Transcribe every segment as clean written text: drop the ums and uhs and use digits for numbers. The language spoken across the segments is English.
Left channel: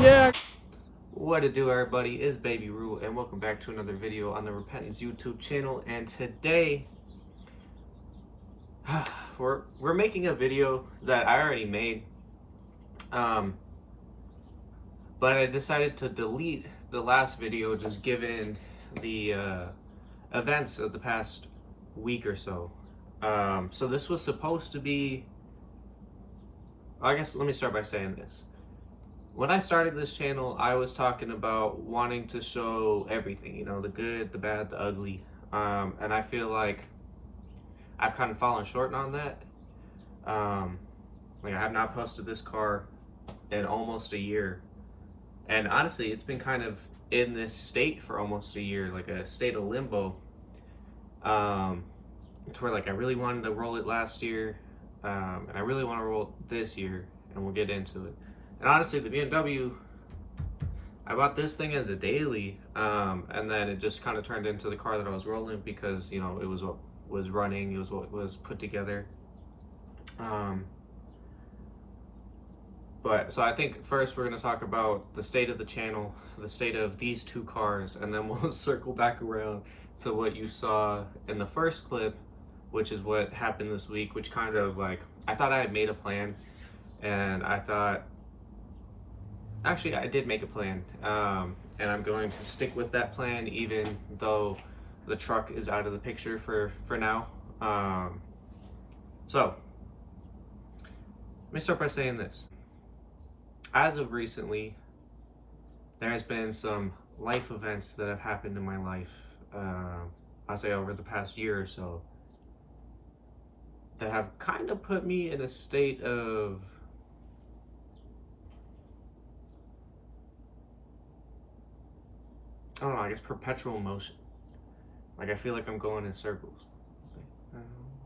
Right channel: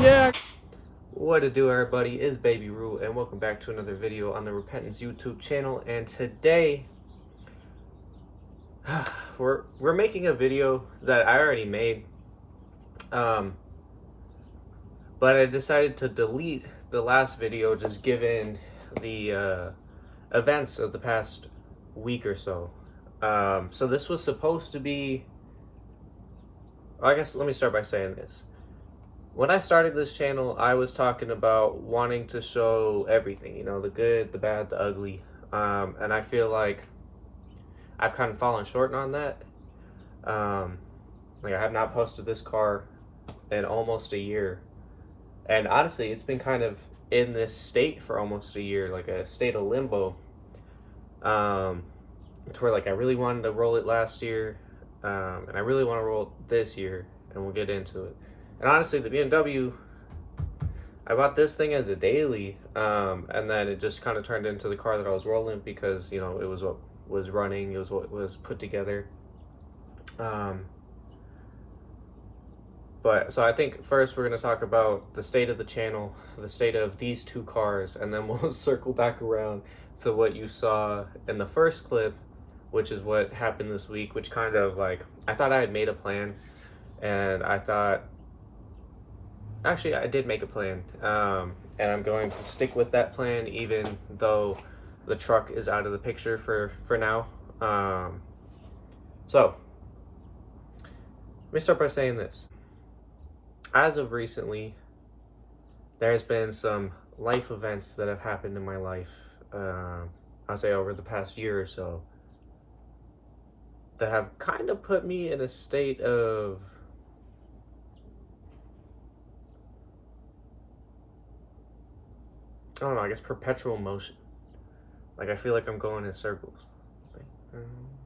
Yeah. What to do, everybody? Is Baby Rue, and welcome back to another video on the Repentance YouTube channel. And today, we're making a video that I already made, but I decided to delete the last video just given the events of the past week or so. So this was supposed to be. I guess let me start by saying this. When I started this channel, I was talking about wanting to show everything, you know, the good, the bad, the ugly. And I feel like I've kind of fallen short on that. Like I have not posted this car in almost a year. And honestly, it's been kind of in this state for almost a year, like a state of limbo. To where like I really wanted to roll it last year. And I really want to roll it this year, and we'll get into it. And honestly, the BMW, I bought this thing as a daily, and then it just kind of turned into the car that I was rolling because, you know, it was what was running, it was what was put together. But so I think first we're going to talk about the state of the channel, the state of these two cars, and then we'll circle back around to what you saw in the first clip, which is what happened this week, which kind of like, I thought I had made a plan, and I thought, actually I did make a plan, and I'm going to stick with that plan even though the truck is out of the picture for now. So, let me start by saying this. As of recently, there has been some life events that have happened in my life, I'll say over the past year or so, that have kind of put me in a state of I don't know, I guess perpetual motion. Like I feel like I'm going in circles.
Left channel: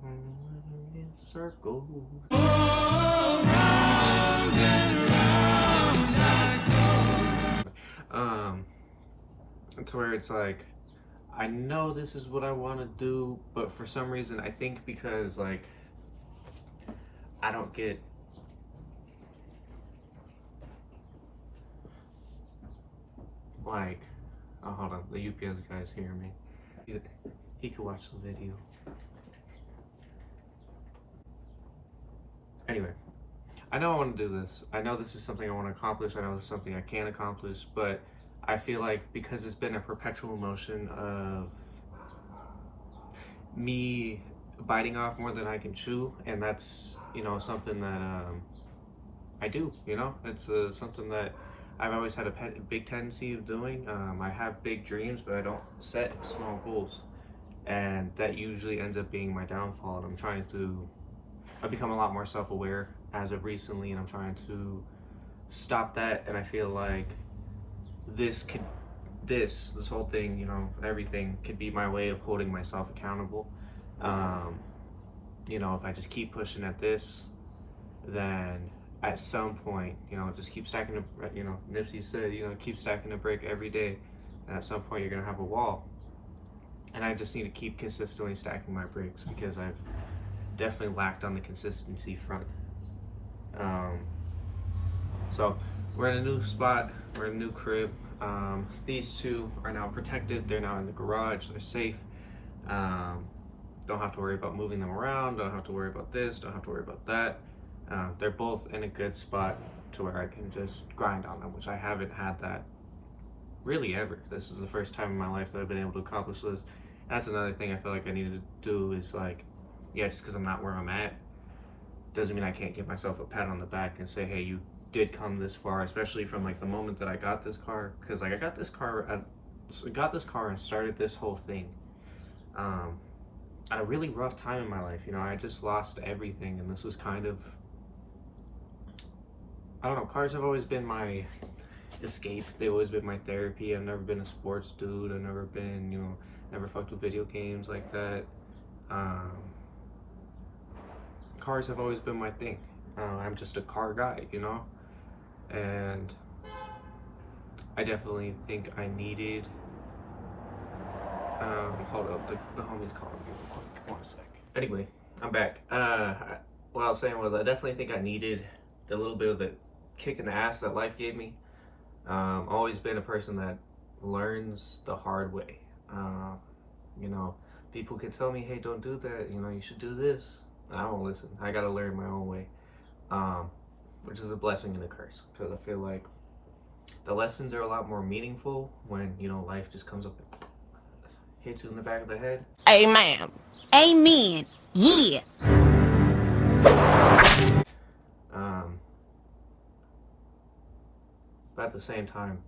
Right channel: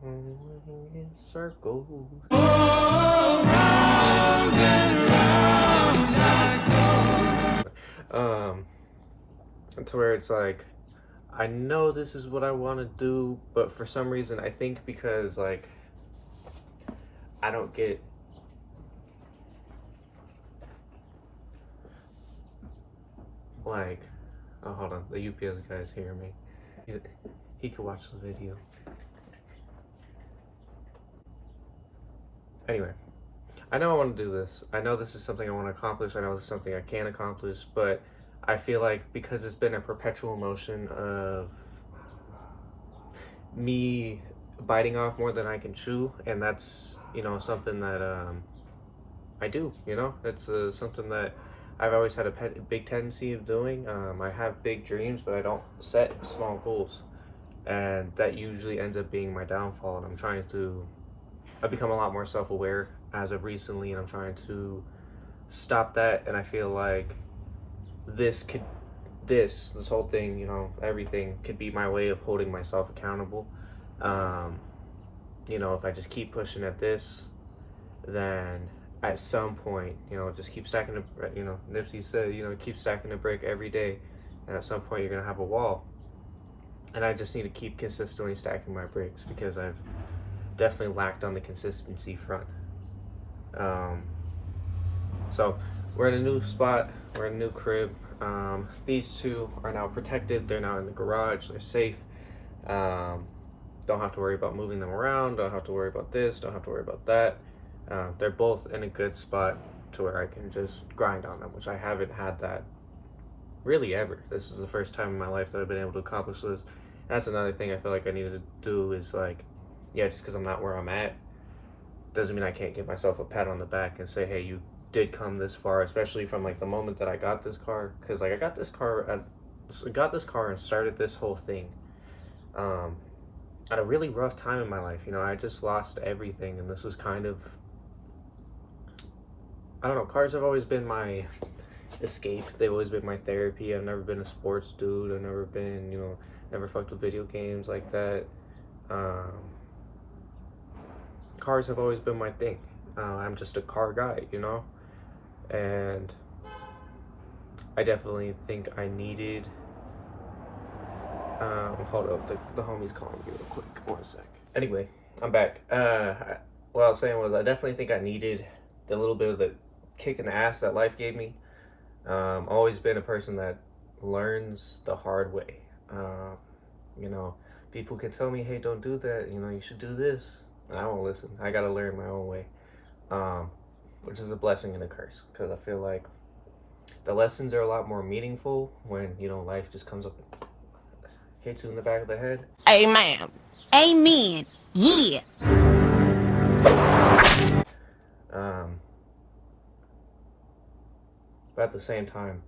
In circles. To where it's like, I know this is what I want to do, but for some reason, I think because like I don't get like, oh hold on, the UPS guy's hearing me. He could watch the video. Anyway, I know I want to do this. I know this is something I want to accomplish. I know this is something I can accomplish, but I feel like because it's been a perpetual motion of me biting off more than I can chew, and that's, you know, something that I do, you know, it's something that I've always had a big tendency of doing. I have big dreams, but I don't set small goals, and that usually ends up being my downfall. And I've become a lot more self-aware as of recently, and I'm trying to stop that. And I feel like this whole thing, you know, everything could be my way of holding myself accountable. You know, if I just keep pushing at this, then at some point, you know, just keep stacking the, you know, Nipsey said, you know, keep stacking the brick every day, and at some point you're gonna have a wall. And I just need to keep consistently stacking my bricks because I've definitely lacked on the consistency front. So we're in a new spot, we're in a new crib. These two are now protected, they're now in the garage, they're safe. Don't have to worry about moving them around, don't have to worry about this, don't have to worry about that. They're both in a good spot to where I can just grind on them, which I haven't had that really ever. This is the first time in my life that I've been able to accomplish this. And that's another thing I feel like I needed to do is like, yeah, just because I'm not where I'm at doesn't mean I can't give myself a pat on the back and say, hey, you did come this far, especially from like the moment that I got this car. Because like I got this car and started this whole thing at a really rough time in my life. You know, I just lost everything, and this was kind of, I don't know, cars have always been my escape. They've always been my therapy. I've never been a sports dude. I've never been, you know, never fucked with video games like that. Cars have always been my thing. I'm just a car guy, you know? And I definitely think I needed, hold up, the homie's calling me real quick, 1 sec. Anyway, I'm back. What I was saying was I definitely think I needed the little bit of the kick in the ass that life gave me. Always been a person that learns the hard way. You know, people can tell me, hey, don't do that, you know, you should do this. And I won't listen. I gotta learn my own way. Which is a blessing and a curse, because I feel like the lessons are a lot more meaningful when, you know, life just comes up and hits you in the back of the head. Amen. Amen. Yeah. But at the same time,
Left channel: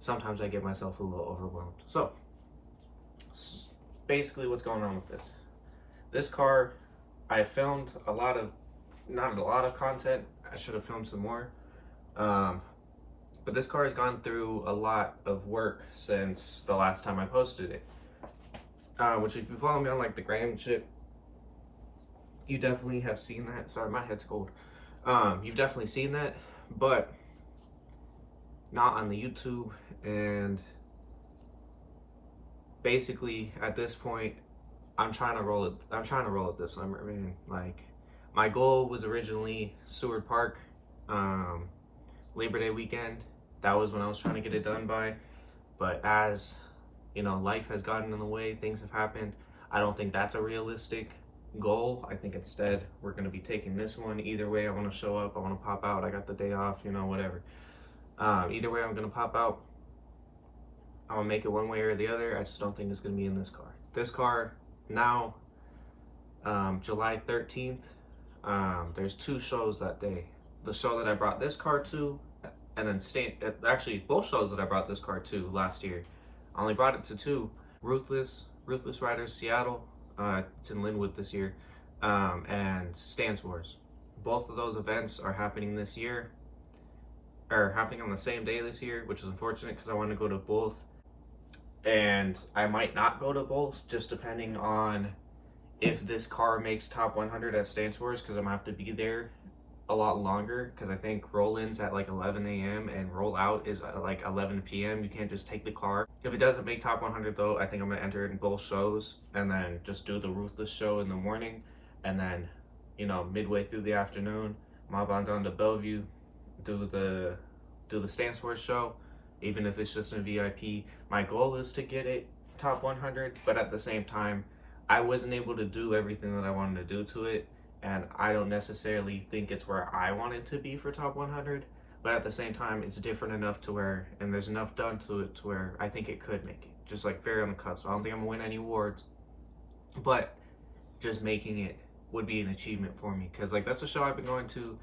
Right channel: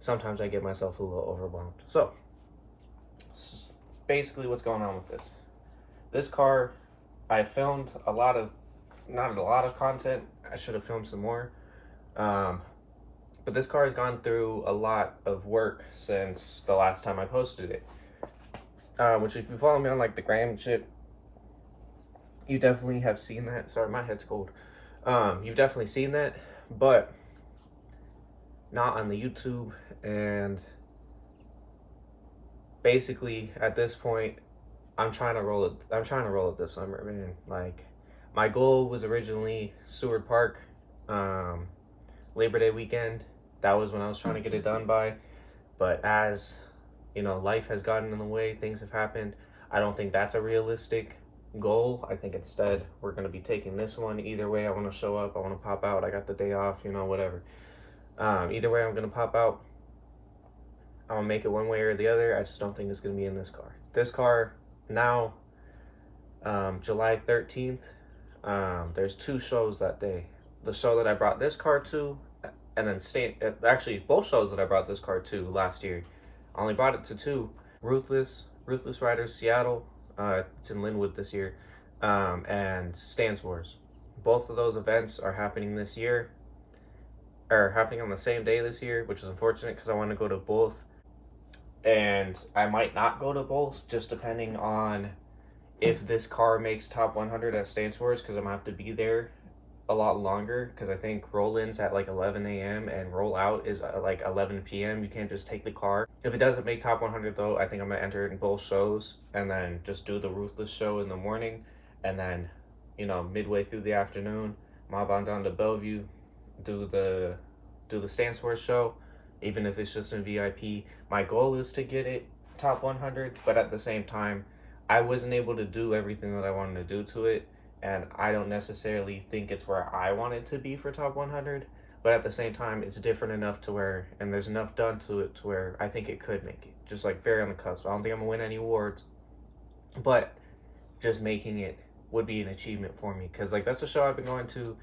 sometimes I get myself a little overwhelmed. So, basically what's going on with this. This car, I filmed not a lot of content. I should have filmed some more. But this car has gone through a lot of work since the last time I posted it. Which if you follow me on like the gram and shit, you definitely have seen that. Sorry, my head's cold. You've definitely seen that, but not on the YouTube. And basically at this point, I'm trying to roll it this summer, man. Like, my goal was originally Seward Park, Labor Day weekend. That was when I was trying to get it done by. But as you know, life has gotten in the way, things have happened. I don't think that's a realistic goal. I think instead we're going to be taking this one. Either way, I want to show up, I want to pop out, I got the day off, you know, whatever. Either way, I'm going to pop out. I'm going to make it one way or the other. I just don't think it's going to be in this car. This car now, July 13th, there's 2 shows that day. The show that I brought this car to, and then actually both shows that I brought this car to last year. I only brought it to 2. Ruthless Riders Seattle, it's in Linwood this year, and Stance Wars. Both of those events are happening this year, or happening on the same day this year, which is unfortunate because I want to go to both. And I might not go to both, just depending on if this car makes top 100 at Stance Wars, because I'm going to have to be there a lot longer, because I think roll-in's at like 11 a.m. and roll-out is at like 11 p.m. You can't just take the car. If it doesn't make top 100 though, I think I'm going to enter it in both shows, and then just do the Ruthless show in the morning, and then, you know, midway through the afternoon, mob on down to Bellevue, do the Stance Wars show, even if it's just in VIP. My goal is to get it top 100, but at the same time, I wasn't able to do everything that I wanted to do to it, and I don't necessarily think it's where I want it to be for top 100, but at the same time, it's different enough to where, and there's enough done to it to where I think it could make it, just like very on the cusp. I don't think I'm gonna win any awards, but just making it would be an achievement for me, because like that's a show I've been going to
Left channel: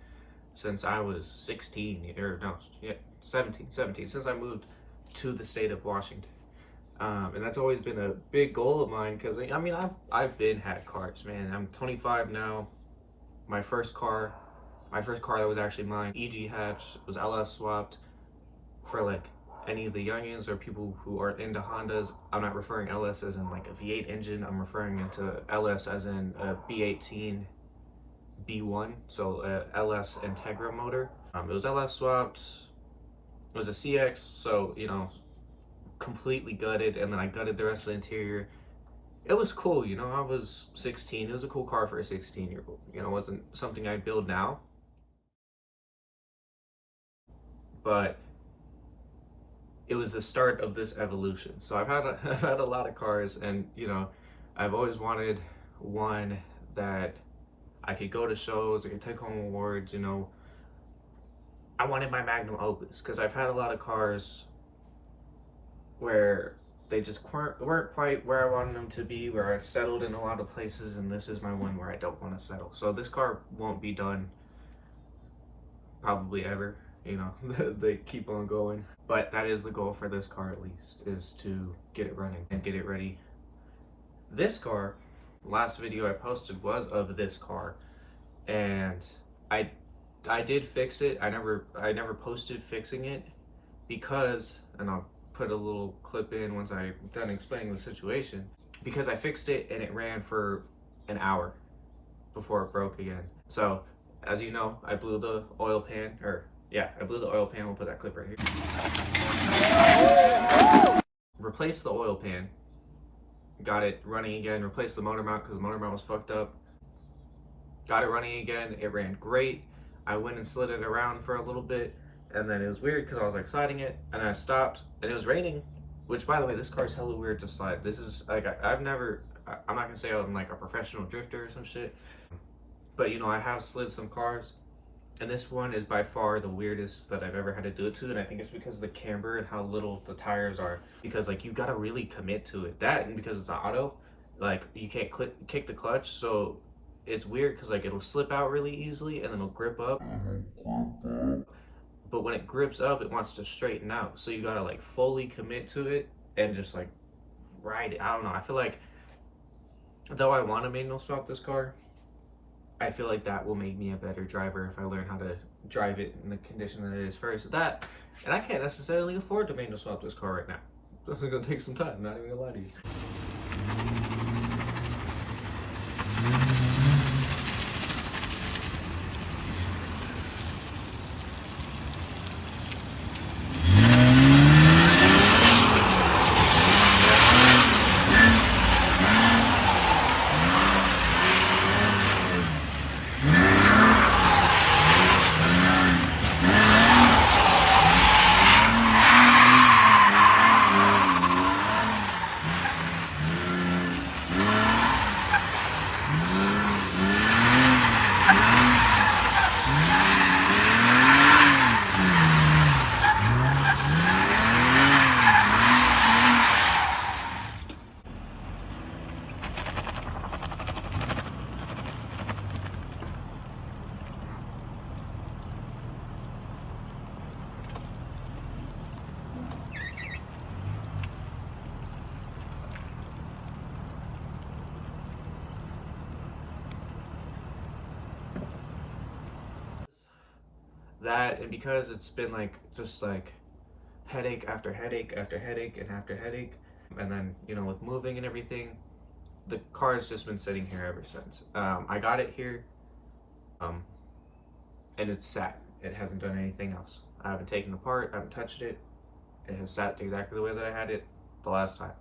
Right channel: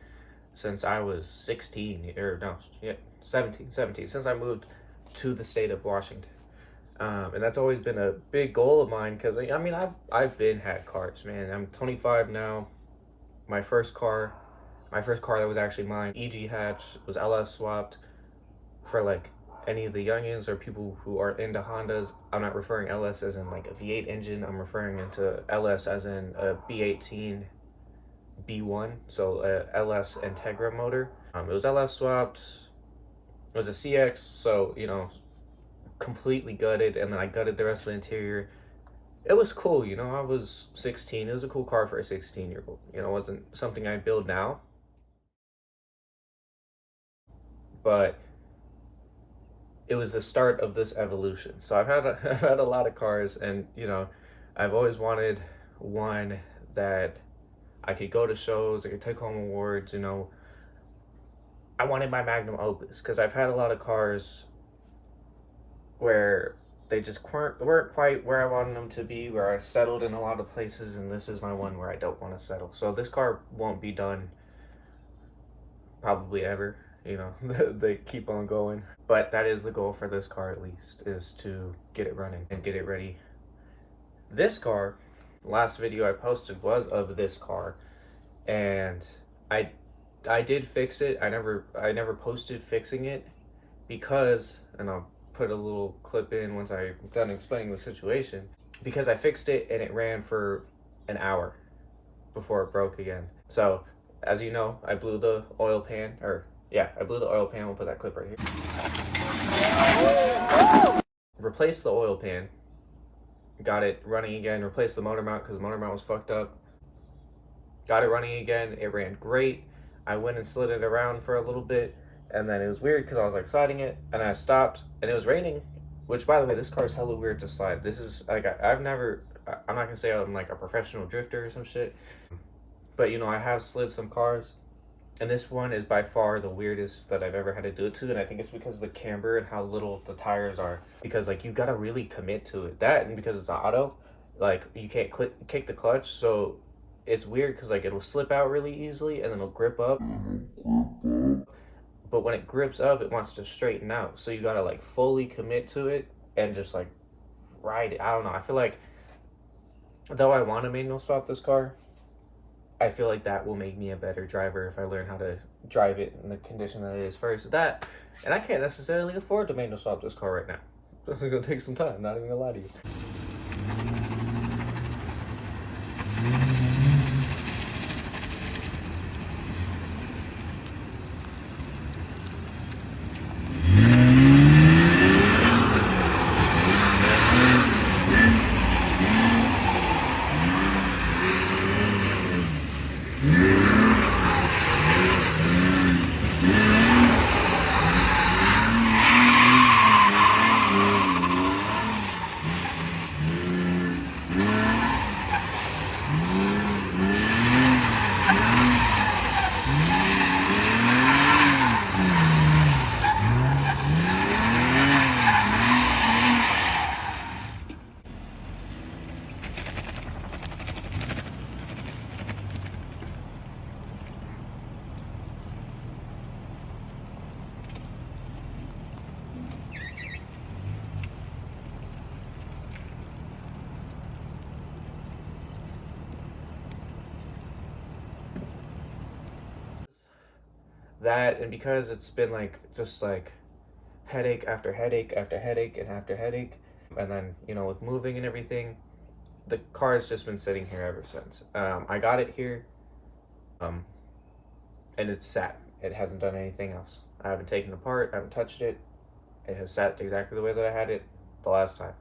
since I was 17, or no, yeah, 17, since I moved to the state of Washington. And that's always been a big goal of mine, because I mean, I've been had cars, man. I'm 25 now. My first car that was actually mine, EG hatch, was LS swapped. For like any of the youngins or people who are into Hondas, I'm not referring LS as in like a V8 engine. I'm referring into LS as in a B18 B1, so a LS Integra motor. It was LS swapped. It was a CX, so, you know, completely gutted, and then I gutted the rest of the interior. It was cool, you know, I was 16. It was a cool car for a 16-year-old. You know, it wasn't something I build now. But it was the start of this evolution. So I've had a lot of cars, and, you know, I've always wanted one that I could go to shows, I could take home awards, you know. I wanted my magnum opus, because I've had a lot of cars where they just weren't quite where I wanted them to be, where I settled in a lot of places, and this is my one where I don't want to settle. So this car won't be done probably ever, you know. They keep on going. But that is the goal for this car, at least, is to get it running and get it ready. This car, last video I posted was of this car, and I did fix it. I never posted fixing it because, and I'll put a little clip in once I'm done explaining the situation, because I fixed it and it ran for an hour before it broke again. So as you know, I blew the oil pan, I blew the oil pan. We'll put that clip right here. Replaced the oil pan, got it running again, replaced the motor mount because the motor mount was fucked up. Got it running again, it ran great. I went and slid it around for a little bit, and then it was weird because I was like sliding it, and I stopped, and it was raining. Which, by the way, this car is hella weird to slide. This is like I've never. I'm not gonna say I'm like a professional drifter or some shit, but you know I have slid some cars, and this one is by far the weirdest that I've ever had to do it to, and I think it's because of the camber and how little the tires are. Because like you gotta really commit to it. That and because it's auto, like you can't kick the clutch, so it's weird because like it'll slip out really easily and then it'll grip up. But when it grips up, it wants to straighten out. So you gotta like fully commit to it and just like ride it. I don't know. I feel like though I want to manual swap this car, I feel like that will make me a better driver if I learn how to drive it in the condition that it is first. That, and I can't necessarily afford to manual swap this car right now. It's gonna take some time. Not even gonna lie to you. That, and because it's been like just like headache after headache after headache and after headache, and then you know with moving and everything, the car has just been sitting here ever since. I got it here, and it's sat. It hasn't done anything else. I haven't taken it apart. I haven't touched it. It has sat exactly the way that I had it the last time.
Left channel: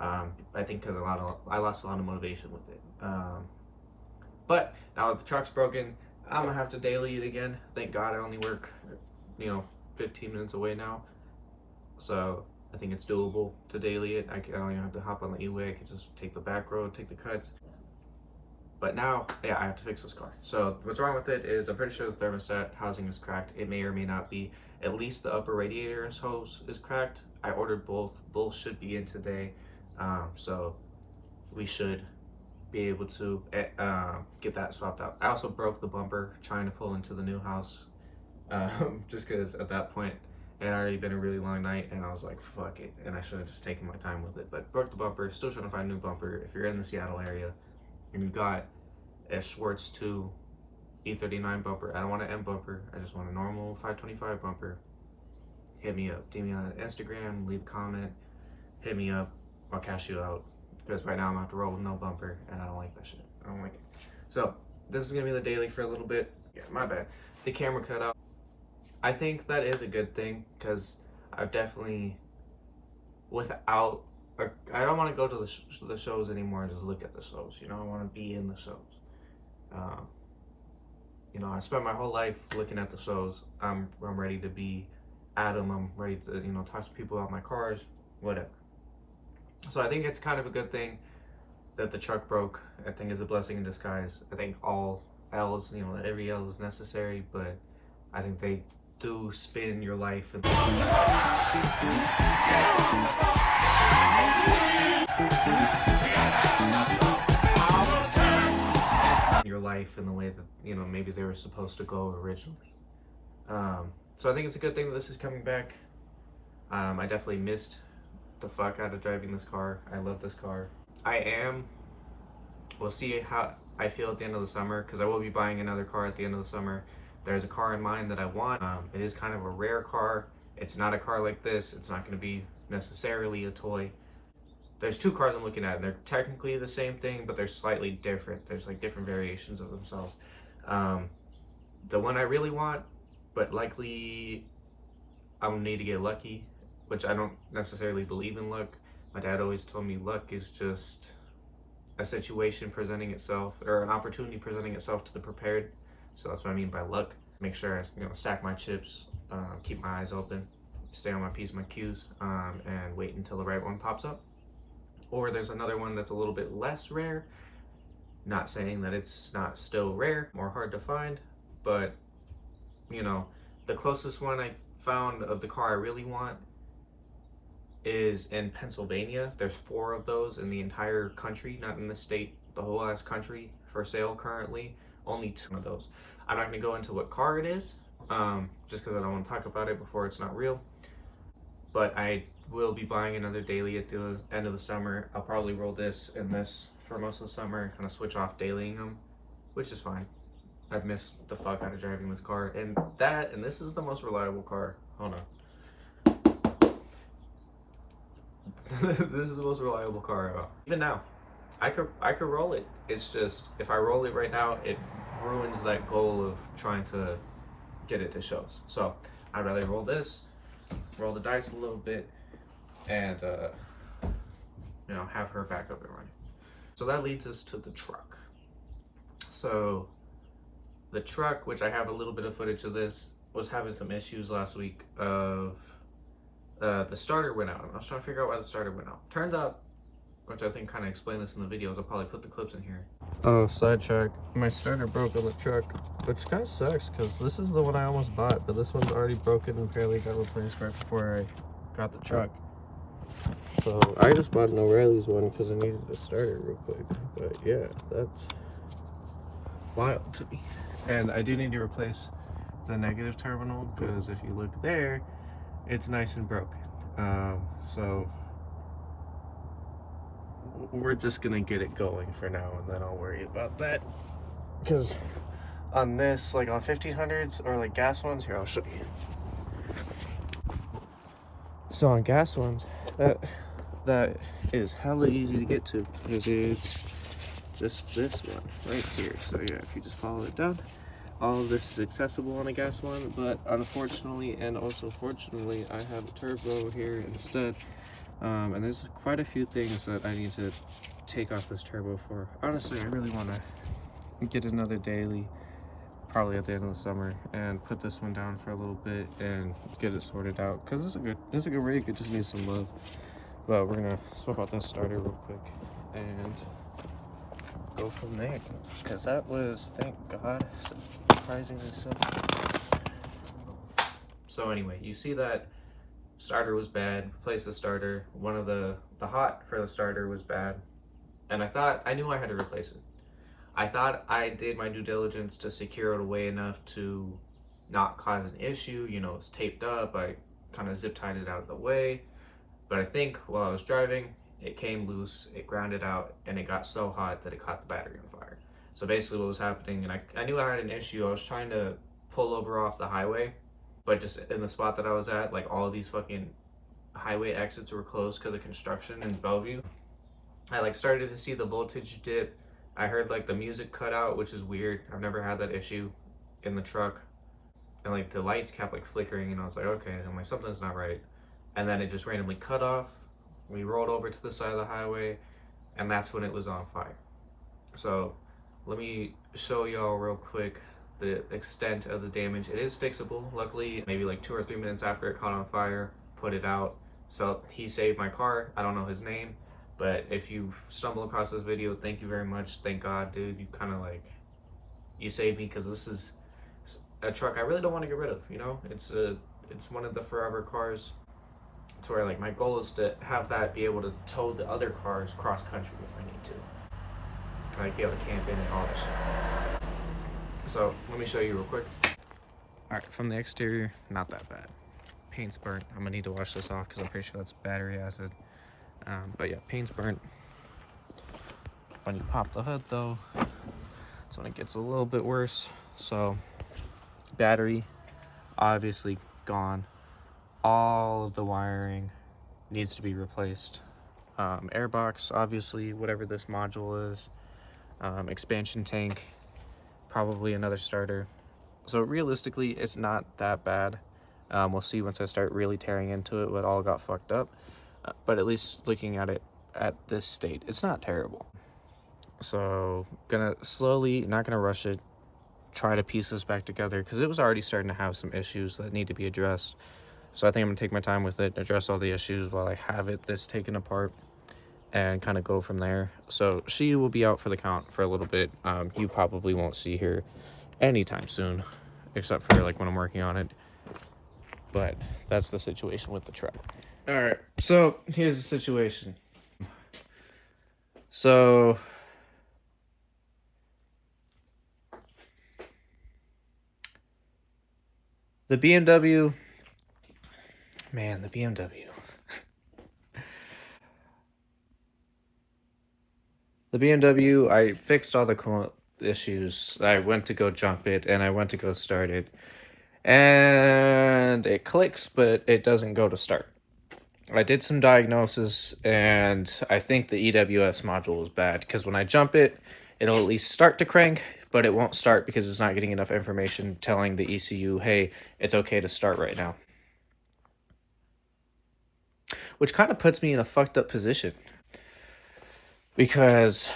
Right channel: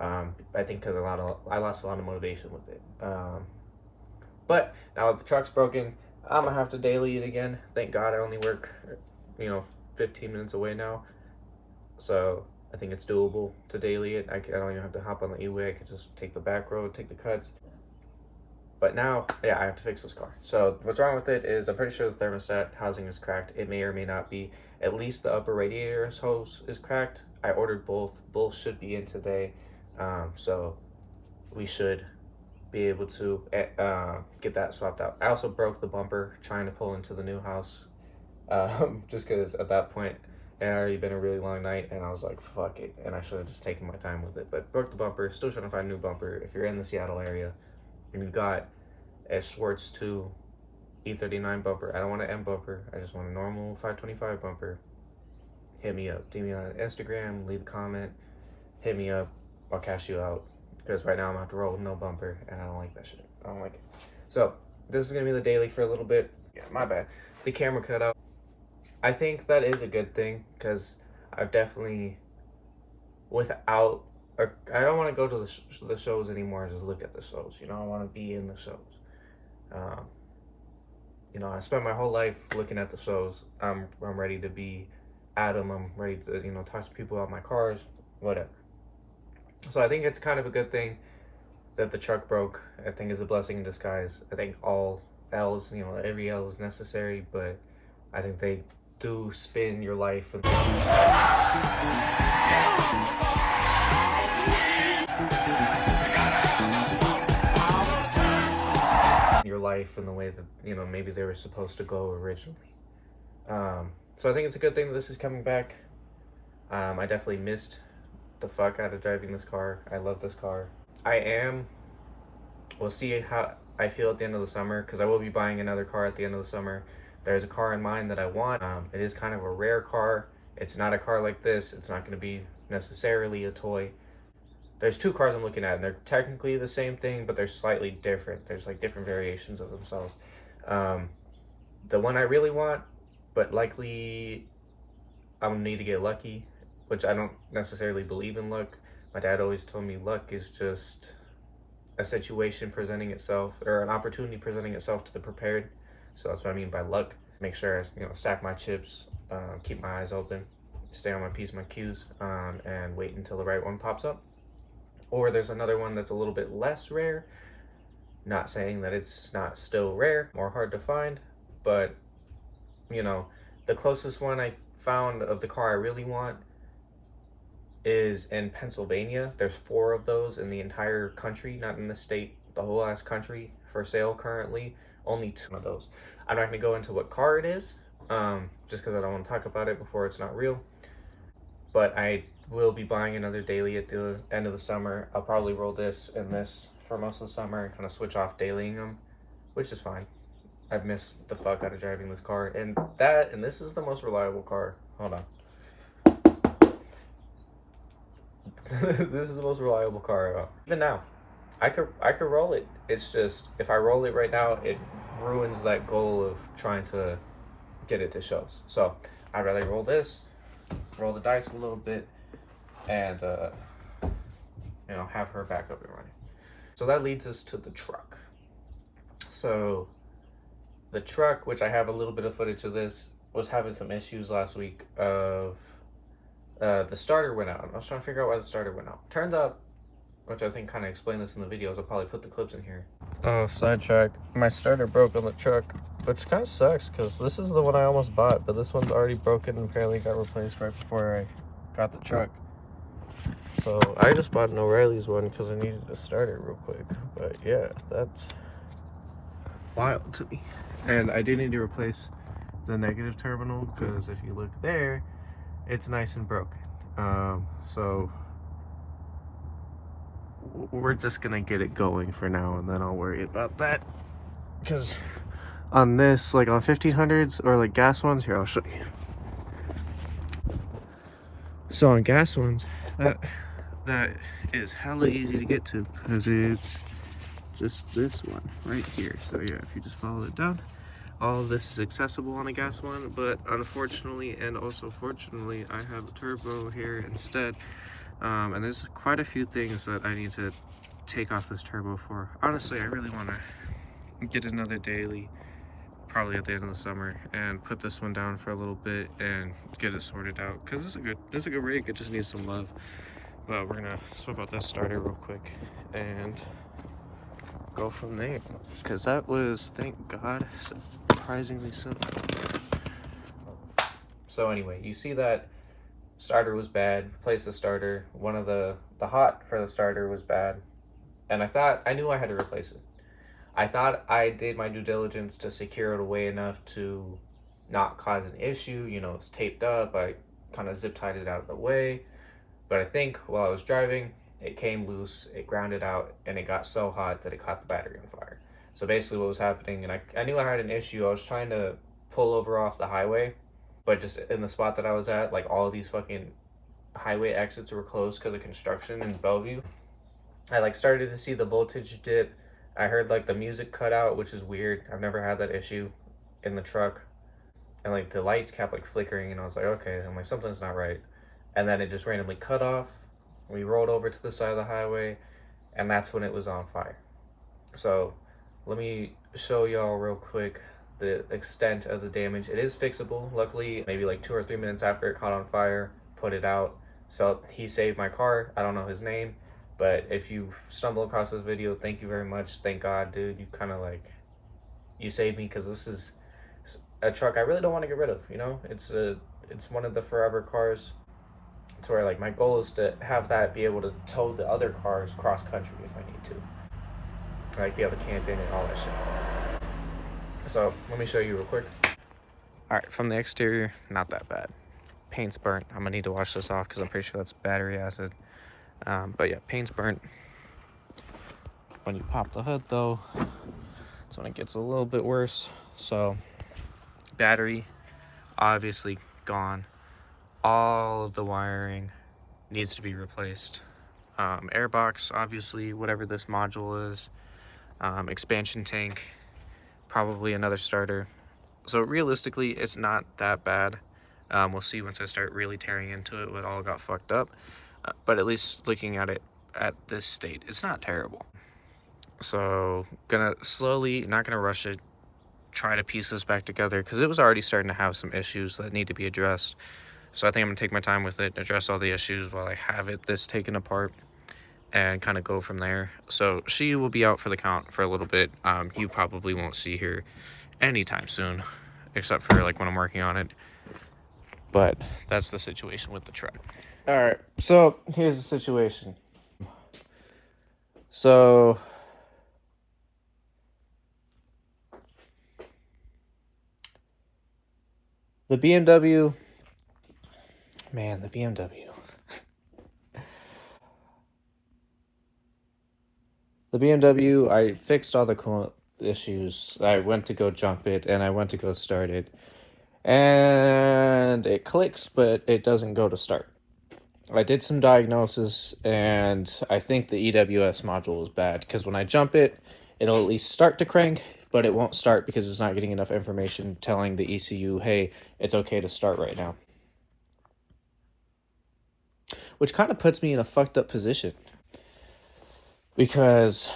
I think because I lost a lot of motivation with it. But now that the truck's broken, I'm gonna have to daily it again. Thank God I only work, 15 minutes away now. So I think it's doable to daily it. I don't even have to hop on the E-way. I can just take the back road, take the cuts. But now, yeah, I have to fix this car. So what's wrong with it is I'm pretty sure the thermostat housing is cracked. It may or may not be. At least the upper radiator hose is cracked. I ordered both. Both should be in today. So we should be able to get that swapped out. I also broke the bumper trying to pull into the new house, just because at that point it had already been a really long night and I was like, fuck it, and I should have just taken my time with it. But broke the bumper. Still trying to find a new bumper. If you're in the Seattle area and you got a Schwartz 2 E39 bumper, I don't want an M bumper, I just want a normal 525 bumper, hit me up. DM me on Instagram, leave a comment, hit me up, I'll cash you out. Because right now I'm gonna have to roll with no bumper, and I don't like that shit. I don't like it. So this is gonna be the daily for a little bit. Yeah, my bad. The camera cut out. I think that is a good thing because I've definitely, I don't want to go to the shows anymore and just look at the shows. I want to be in the shows. I spent my whole life looking at the shows. I'm ready to be at them. I'm ready to talk to people about my cars, whatever. So I think it's kind of a good thing that the truck broke. I think it's a blessing in disguise. I think all L's, every L is necessary, but I think they do spin your life and your life in the way that maybe they were supposed to go originally. So I think it's a good thing that this is coming back. I definitely missed the fuck out of driving this car. I love this car. We'll see how I feel at the end of the summer, because I will be buying another car at the end of the summer. There's a car in mind that I want. It is kind of a rare car. It's not a car like this. It's not going to be necessarily a toy. There's two cars I'm looking at, and they're technically the same thing, but they're slightly different. There's like different variations of themselves. The one I really want, but likely I'm gonna need to get lucky, which I don't necessarily believe in luck. My dad always told me luck is just a situation presenting itself, or an opportunity presenting itself to the prepared. So that's what I mean by luck. Make sure I, stack my chips, keep my eyes open, stay on my P's, my Q's, and wait until the right one pops up. Or there's another one that's a little bit less rare. Not saying that it's not still rare or hard to find, but the closest one I found of the car I really want is in Pennsylvania. There's 4 of those in the entire country, not in the state, the whole ass country for sale currently. Only 2 of those. I'm not gonna go into what car it is, just because I don't want to talk about it before it's not real. But I will be buying another daily at the end of the summer. I'll probably roll this and this for most of the summer and kind of switch off dailying them, which is fine. I've missed the fuck out of driving this car, and this is the most reliable car. Hold on. This is the most reliable car. Even now, I could roll it. It's just if I roll it right now, it ruins that goal of trying to get it to shows. So I'd rather roll this, roll the dice a little bit, and have her back up and running. So that leads us to the truck. So the truck, which I have a little bit of footage of this, was having some issues last week of the starter went out. I was trying to figure out why the starter went out. Turns out, which I think kind of explained this in the videos, I'll probably put the clips in here. Oh, sidetrack. My starter broke on the truck, which kind of sucks because this is the one I almost bought, but this one's already broken and apparently got replaced right before I got the truck. So I just bought an O'Reilly's one because I needed to start it real quick. But yeah, that's wild to me. And I do need to replace the negative terminal because if you look there, it's nice and broken. So we're just gonna get it going for now, and then I'll worry about that. Because on this, like on 1500s or like gas ones, here I'll show you. So on gas ones, that is hella easy to get to because it's just this one right here. So yeah, if you just follow it down, all of this is accessible on a gas one, but unfortunately and also fortunately I have a turbo here instead, and there's quite a few things that I need to take off this turbo for. Honestly, I really want to get another daily probably at the end of the summer and put this one down for a little bit and get it sorted out because it's a good rig. It just needs some love. But we're gonna swap out this starter real quick and go from there because that was, thank God, surprisingly simple. So anyway, you see that starter was bad. Replace the starter. One of the hot for the starter was bad, and I knew I had to replace it. I thought I did my due diligence to secure it away enough to not cause an issue. It's taped up. I kind of zip tied it out of the way. But I think while I was driving, it came loose, it grounded out, and it got so hot that it caught the battery on fire. So basically what was happening, and I knew I had an issue, I was trying to pull over off the highway, but just in the spot that I was at, like all of these fucking highway exits were closed because of construction in Bellevue. I started to see the voltage dip. I heard the music cut out, which is weird. I've never had that issue in the truck. And the lights kept flickering, and I was like, okay, I'm something's not right. And then it just randomly cut off. We rolled over to the side of the highway, and that's when it was on fire. So let me show y'all real quick the extent of the damage. It is fixable. Luckily, maybe 2 or 3 minutes after it caught on fire, put it out. So he saved my car. I don't know his name, but if you stumble across this video, thank you very much. Thank God, dude. You kind of you saved me because this is a truck I really don't want to get rid of. It's one of the forever cars. To where my goal is to have that be able to tow the other cars cross country if I need to, be able to camp in and all that shit. So let me show you real quick. All right, from the exterior, not that bad. Paint's burnt. I'm gonna need to wash this off because I'm pretty sure that's battery acid. But yeah, paint's burnt. When you pop the hood though, that's when it gets a little bit worse. So battery obviously gone. All of the wiring needs to be replaced. Airbox, obviously, whatever this module is. Expansion tank, probably another starter. So realistically, it's not that bad. We'll see once I start really tearing into it what all got fucked up. But at least looking at it at this state, it's not terrible. So gonna slowly, not gonna rush it, try to piece this back together, because it was already starting to have some issues that need to be addressed. So I think I'm gonna take my time with it, address all the issues while I have this taken apart, and kind of go from there. So she will be out for the count for a little bit. You probably won't see her anytime soon, except for like when I'm working on it. But that's the situation with the truck. All right, so here's the situation. So the BMW, man, the BMW. The BMW, I fixed all the coolant issues. I went to go jump it, and I went to go start it. And it clicks, but it doesn't go to start. I did some diagnosis, and I think the EWS module is bad, because when I jump it, it'll at least start to crank, but it won't start because it's not getting enough information telling the ECU, hey, it's okay to start right now. Which kind of puts me in a fucked up position, because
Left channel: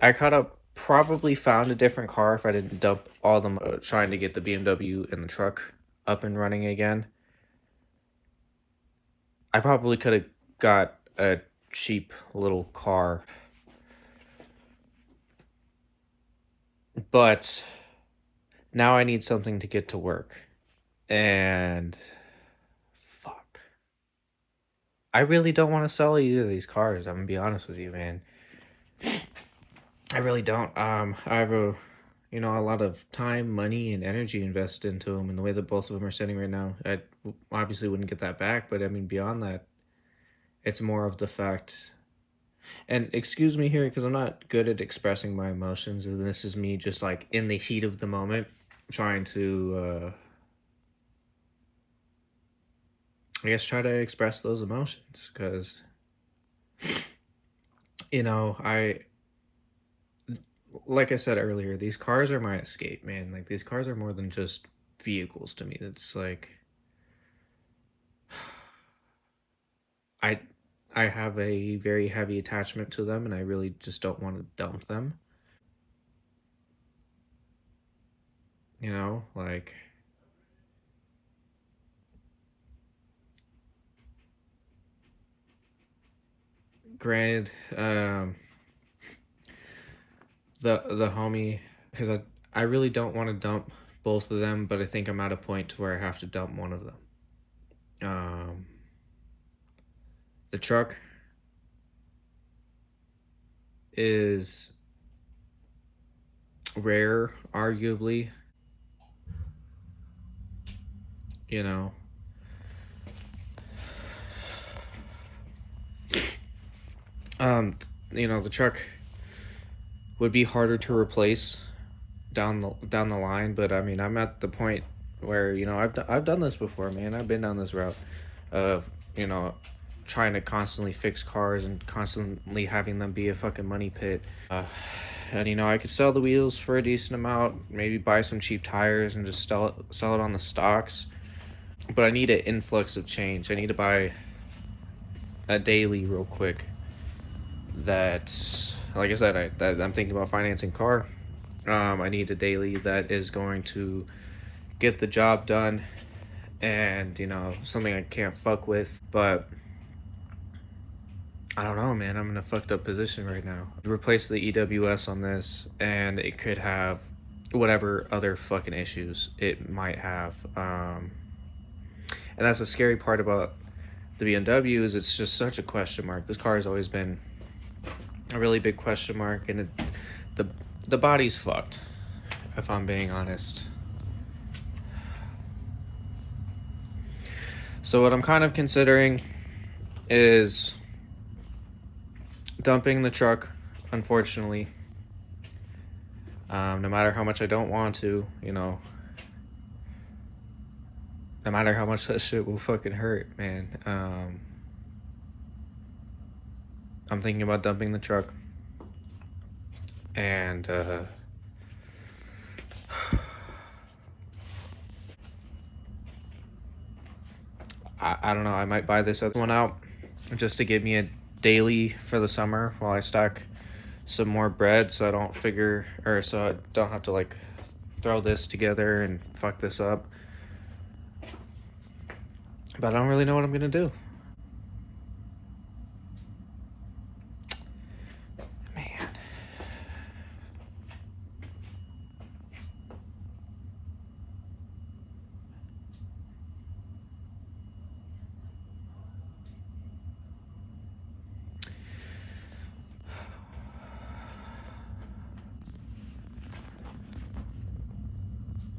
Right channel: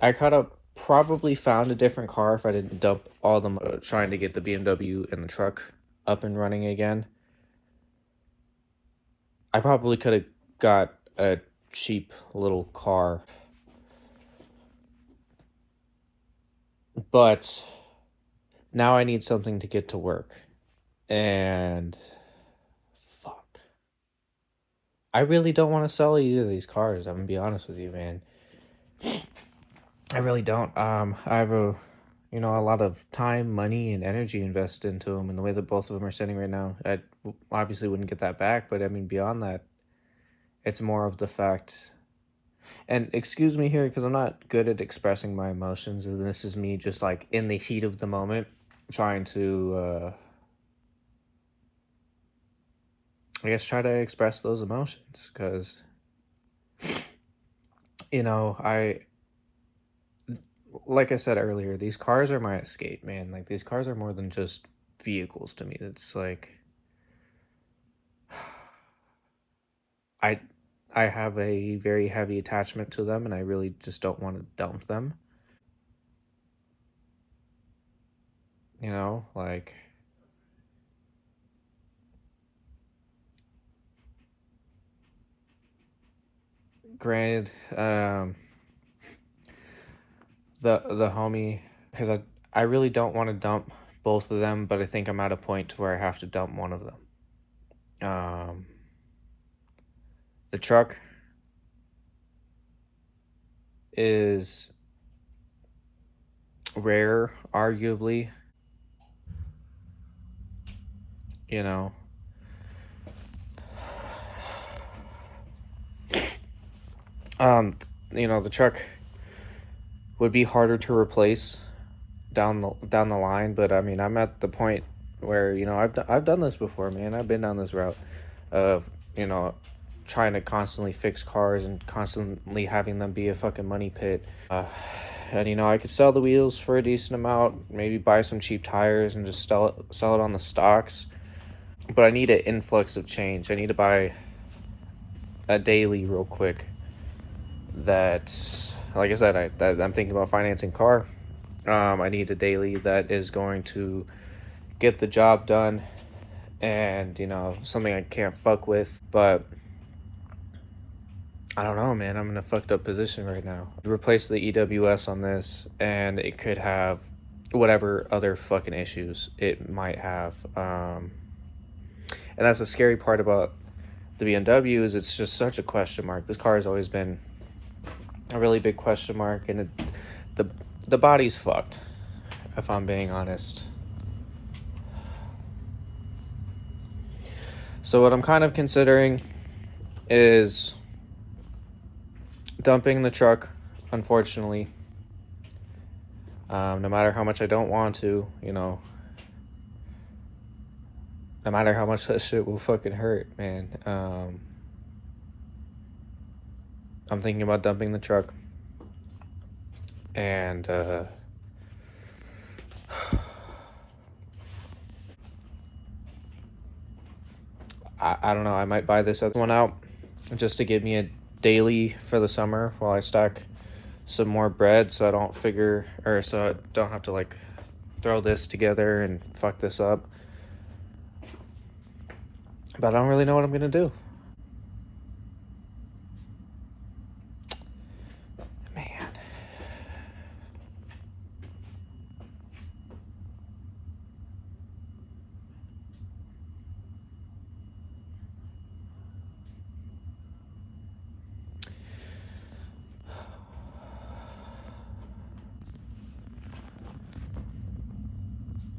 I could have probably found a different car if I didn't dump all them trying to get the BMW and the truck up and running again. I probably could have got a cheap little car, but now I need something to get to work, and fuck, I really don't want to sell either of these cars. I'm gonna be honest with you, man. I really don't. I have a lot of time, money, and energy invested into them, and the way that both of them are sitting right now, I obviously wouldn't get that back. But I mean, beyond that, it's more of the fact. And excuse me here, because I'm not good at expressing my emotions, and this is me just like in the heat of the moment, trying to, I guess, try to express those emotions, because, like I said earlier, these cars are my escape, man. Like, these cars are more than just vehicles to me. It's like, I have a very heavy attachment to them, and I really just don't want to dump them. Like, granted, the homie, because I really don't want to dump both of them, but I think I'm at a point to where I have to dump one of them. The truck is rare, arguably. you know um the truck would be harder to replace down the line, but I mean, I'm at the point where I've done this before, man. I've been down this route of trying to constantly fix cars and constantly having them be a fucking money pit. And I could sell the wheels for a decent amount, maybe buy some cheap tires and just sell it on the stocks. But I need an influx of change. I need to buy a daily real quick. That, like I said, I'm thinking about financing car. I need a daily that is going to get the job done, and something I can't fuck with. But I don't know, man. I'm in a fucked up position right now. Replace the EWS on this, and it could have whatever other fucking issues it might have. And that's the scary part about the BMW, is it's just such a question mark. This car has always been a really big question mark, and the body's fucked, if I'm being honest. So what I'm kind of considering is dumping the truck, unfortunately. No matter how much I don't want to, no matter how much that shit will fucking hurt, man. I'm thinking about dumping the truck. And I don't know, I might buy this other one out just to give me a daily for the summer while I stack some more bread, so I don't have to like throw this together and fuck this up. But I don't really know what I'm gonna do. Man.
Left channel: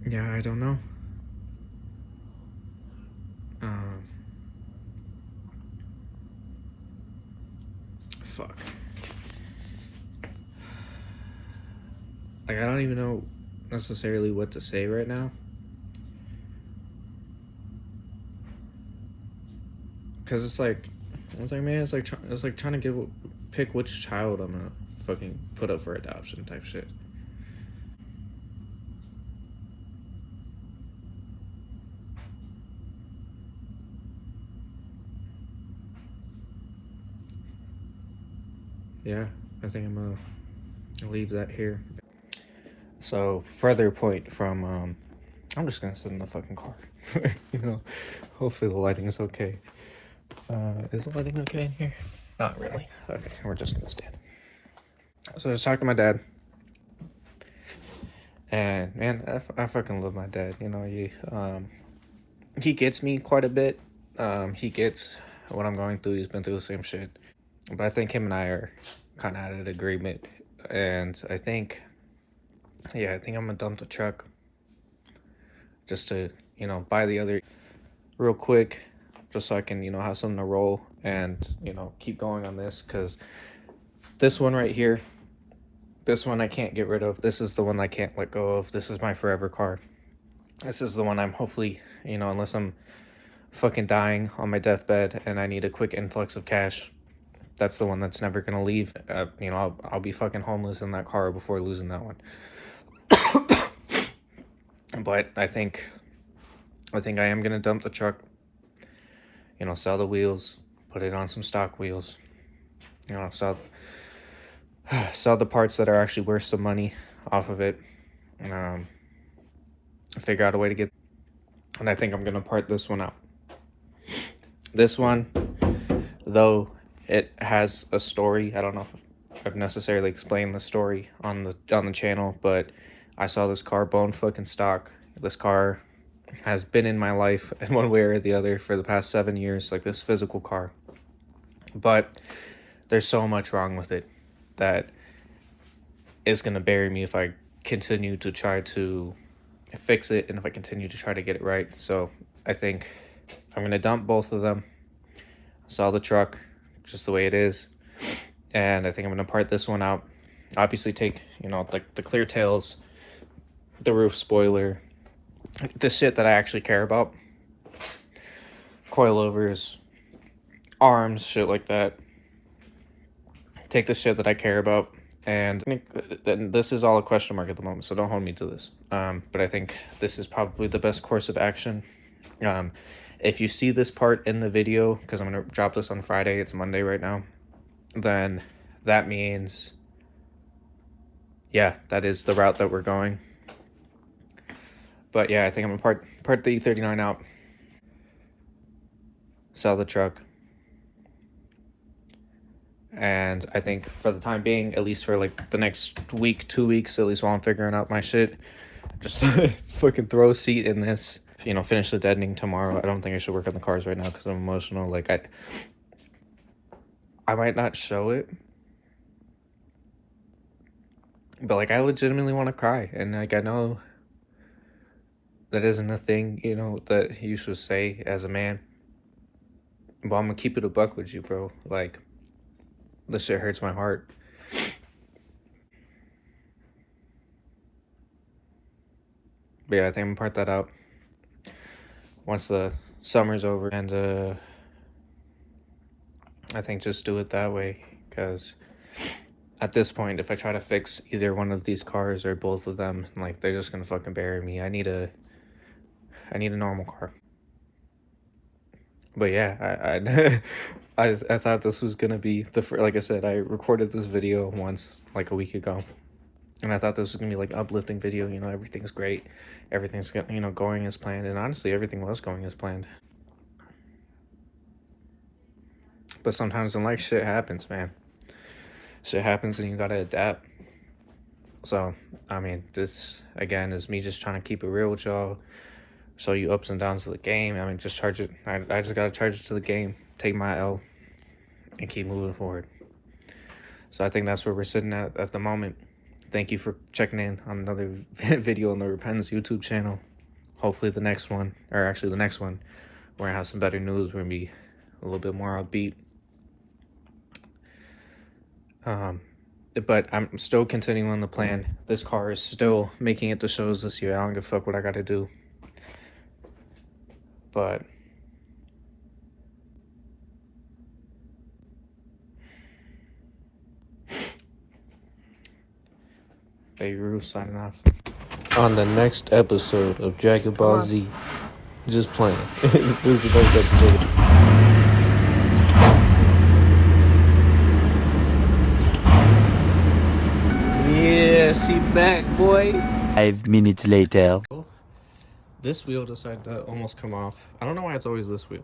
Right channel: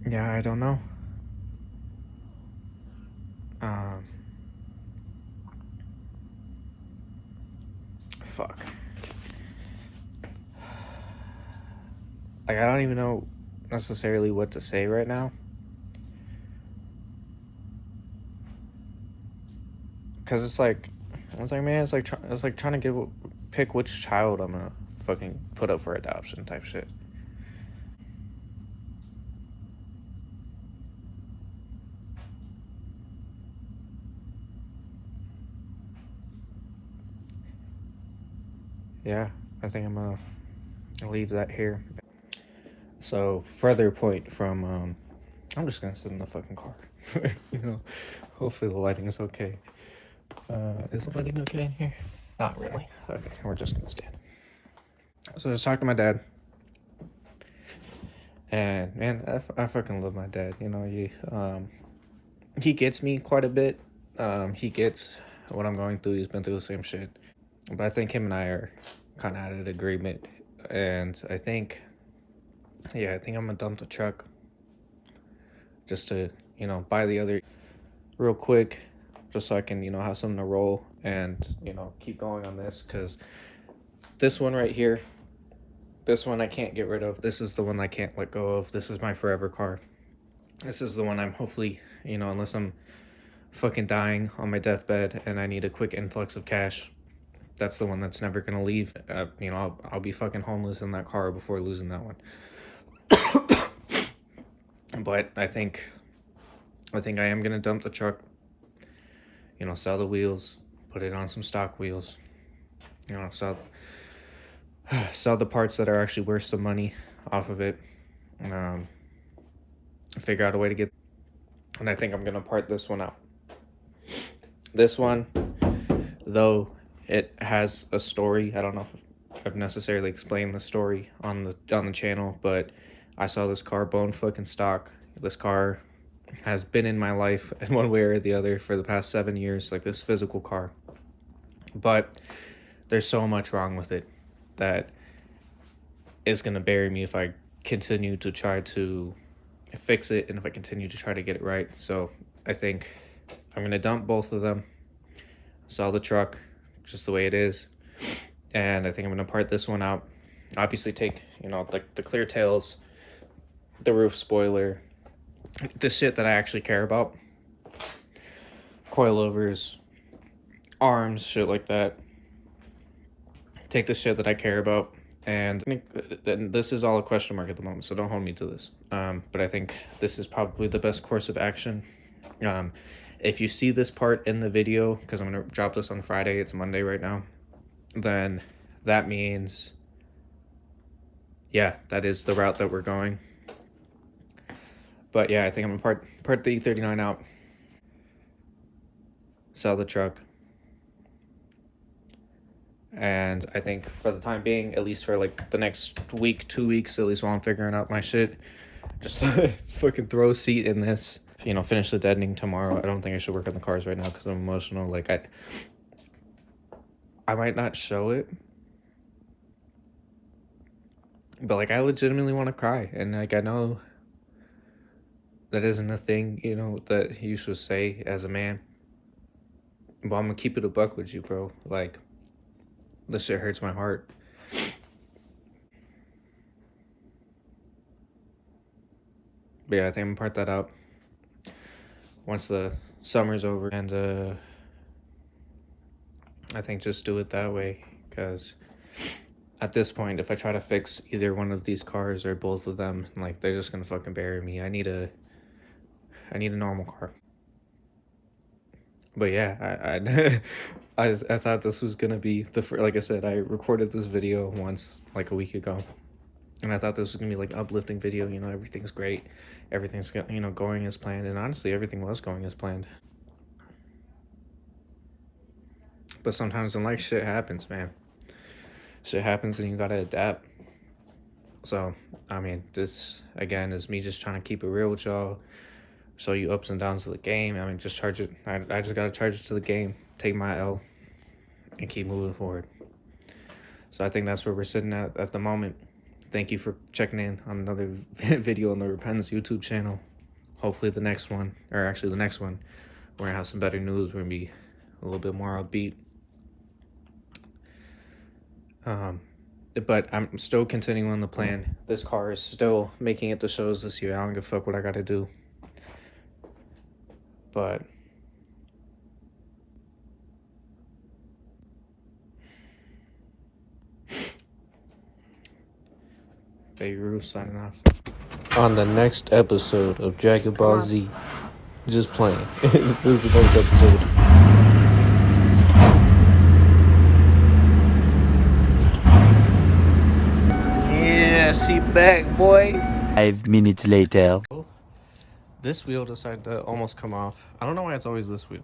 Yeah, I don't know. Fuck. Like, I don't even know necessarily what to say right now. Cause it's like, man, it's like trying to pick which child I'm gonna fucking put up for adoption type shit. Yeah, I think I'm gonna leave that here. So further point from, I'm just gonna sit in the fucking car. You know, hopefully the lighting is okay. Is the lighting okay in here? Not really. Okay, we're just gonna stand. So I just talked to my dad. And man, I fucking love my dad. You know, he gets me quite a bit. He gets what I'm going through. He's been through the same shit. But I think him and I are kind of at an agreement. And I think I'm gonna dump the truck just to, you know, buy the other real quick, just so I can, you know, have something to roll and, you know, keep going on this. Because this one right here, this one I can't get rid of. This is the one I can't let go of. This is my forever car. This is the one I'm hopefully, you know, unless I'm fucking dying on my deathbed and I need a quick influx of cash, that's the one that's never gonna leave. You know, I'll be fucking homeless in that car before losing that one. But I think I am gonna dump the truck. You know, sell the wheels, put it on some stock wheels. You know, sell the parts that are actually worth some money off of it. Figure out a way to get. And I think I'm gonna part this one out. This one, though, it has a story. I don't know if I've necessarily explained the story on the channel, but I saw this car bone fucking stock. This car has been in my life in one way or the other for the past 7 years, like this physical car. But there's so much wrong with it that is gonna bury me if I continue to try to fix it and if I continue to try to get it right. So I think I'm gonna dump both of them, sell the truck just the way it is, and I think I'm gonna part this one out. Obviously take, you know, the clear tails, the roof spoiler, the shit that I actually care about, coilovers, arms, shit like that. Take the shit that I care about, and this is all a question mark at the moment, so don't hold me to this. But I think this is probably the best course of action. If you see this part in the video, because I'm going to drop this on Friday, it's Monday right now, then that means, yeah, that is the route that we're going. But yeah, I think I'm going to part the E39 out, sell the truck, and I think for the time being, at least for like the next week, 2 weeks, at least while I'm figuring out my shit, just fucking throw a seat in this. You know, finish the deadening tomorrow. I don't think I should work on the cars right now because I'm emotional. Like, I might not show it, but like I legitimately want to cry, and like I know that isn't a thing, you know, that you should say as a man. But I'm gonna keep it a buck with you, bro. Like, this shit hurts my heart. But yeah, I think I'm gonna part that out once the summer's over, and I think just do it that way, because at this point, if I try to fix either one of these cars or both of them, like, they're just gonna fucking bury me. I need a normal car. But yeah, I thought this was gonna be like I said, I recorded this video once like a week ago, And I thought this was gonna be like an uplifting video. You know, everything's great, everything's going as planned, and honestly, everything was going as planned. But sometimes in life, shit happens, man. Shit happens, and you gotta adapt. So, I mean, this again is me just trying to keep it real with y'all, show you ups and downs of the game. I mean, just charge it. I just gotta charge it to the game, take my L, and keep moving forward. So I think that's where we're sitting at the moment. Thank you for checking in on another video on the Repentance YouTube channel. Hopefully the next one, or actually the next one, we're gonna have some better news. We're gonna be a little bit more upbeat. But I'm still continuing on the plan. This car is still making it to shows this year. I don't give a fuck what I gotta do. But Beirut signing off. On the next episode of Dragon Ball Z, just playing. This is the next episode. Yeah, she back, boy. 5 minutes later. This wheel decided to almost come off. I don't know why it's always this wheel.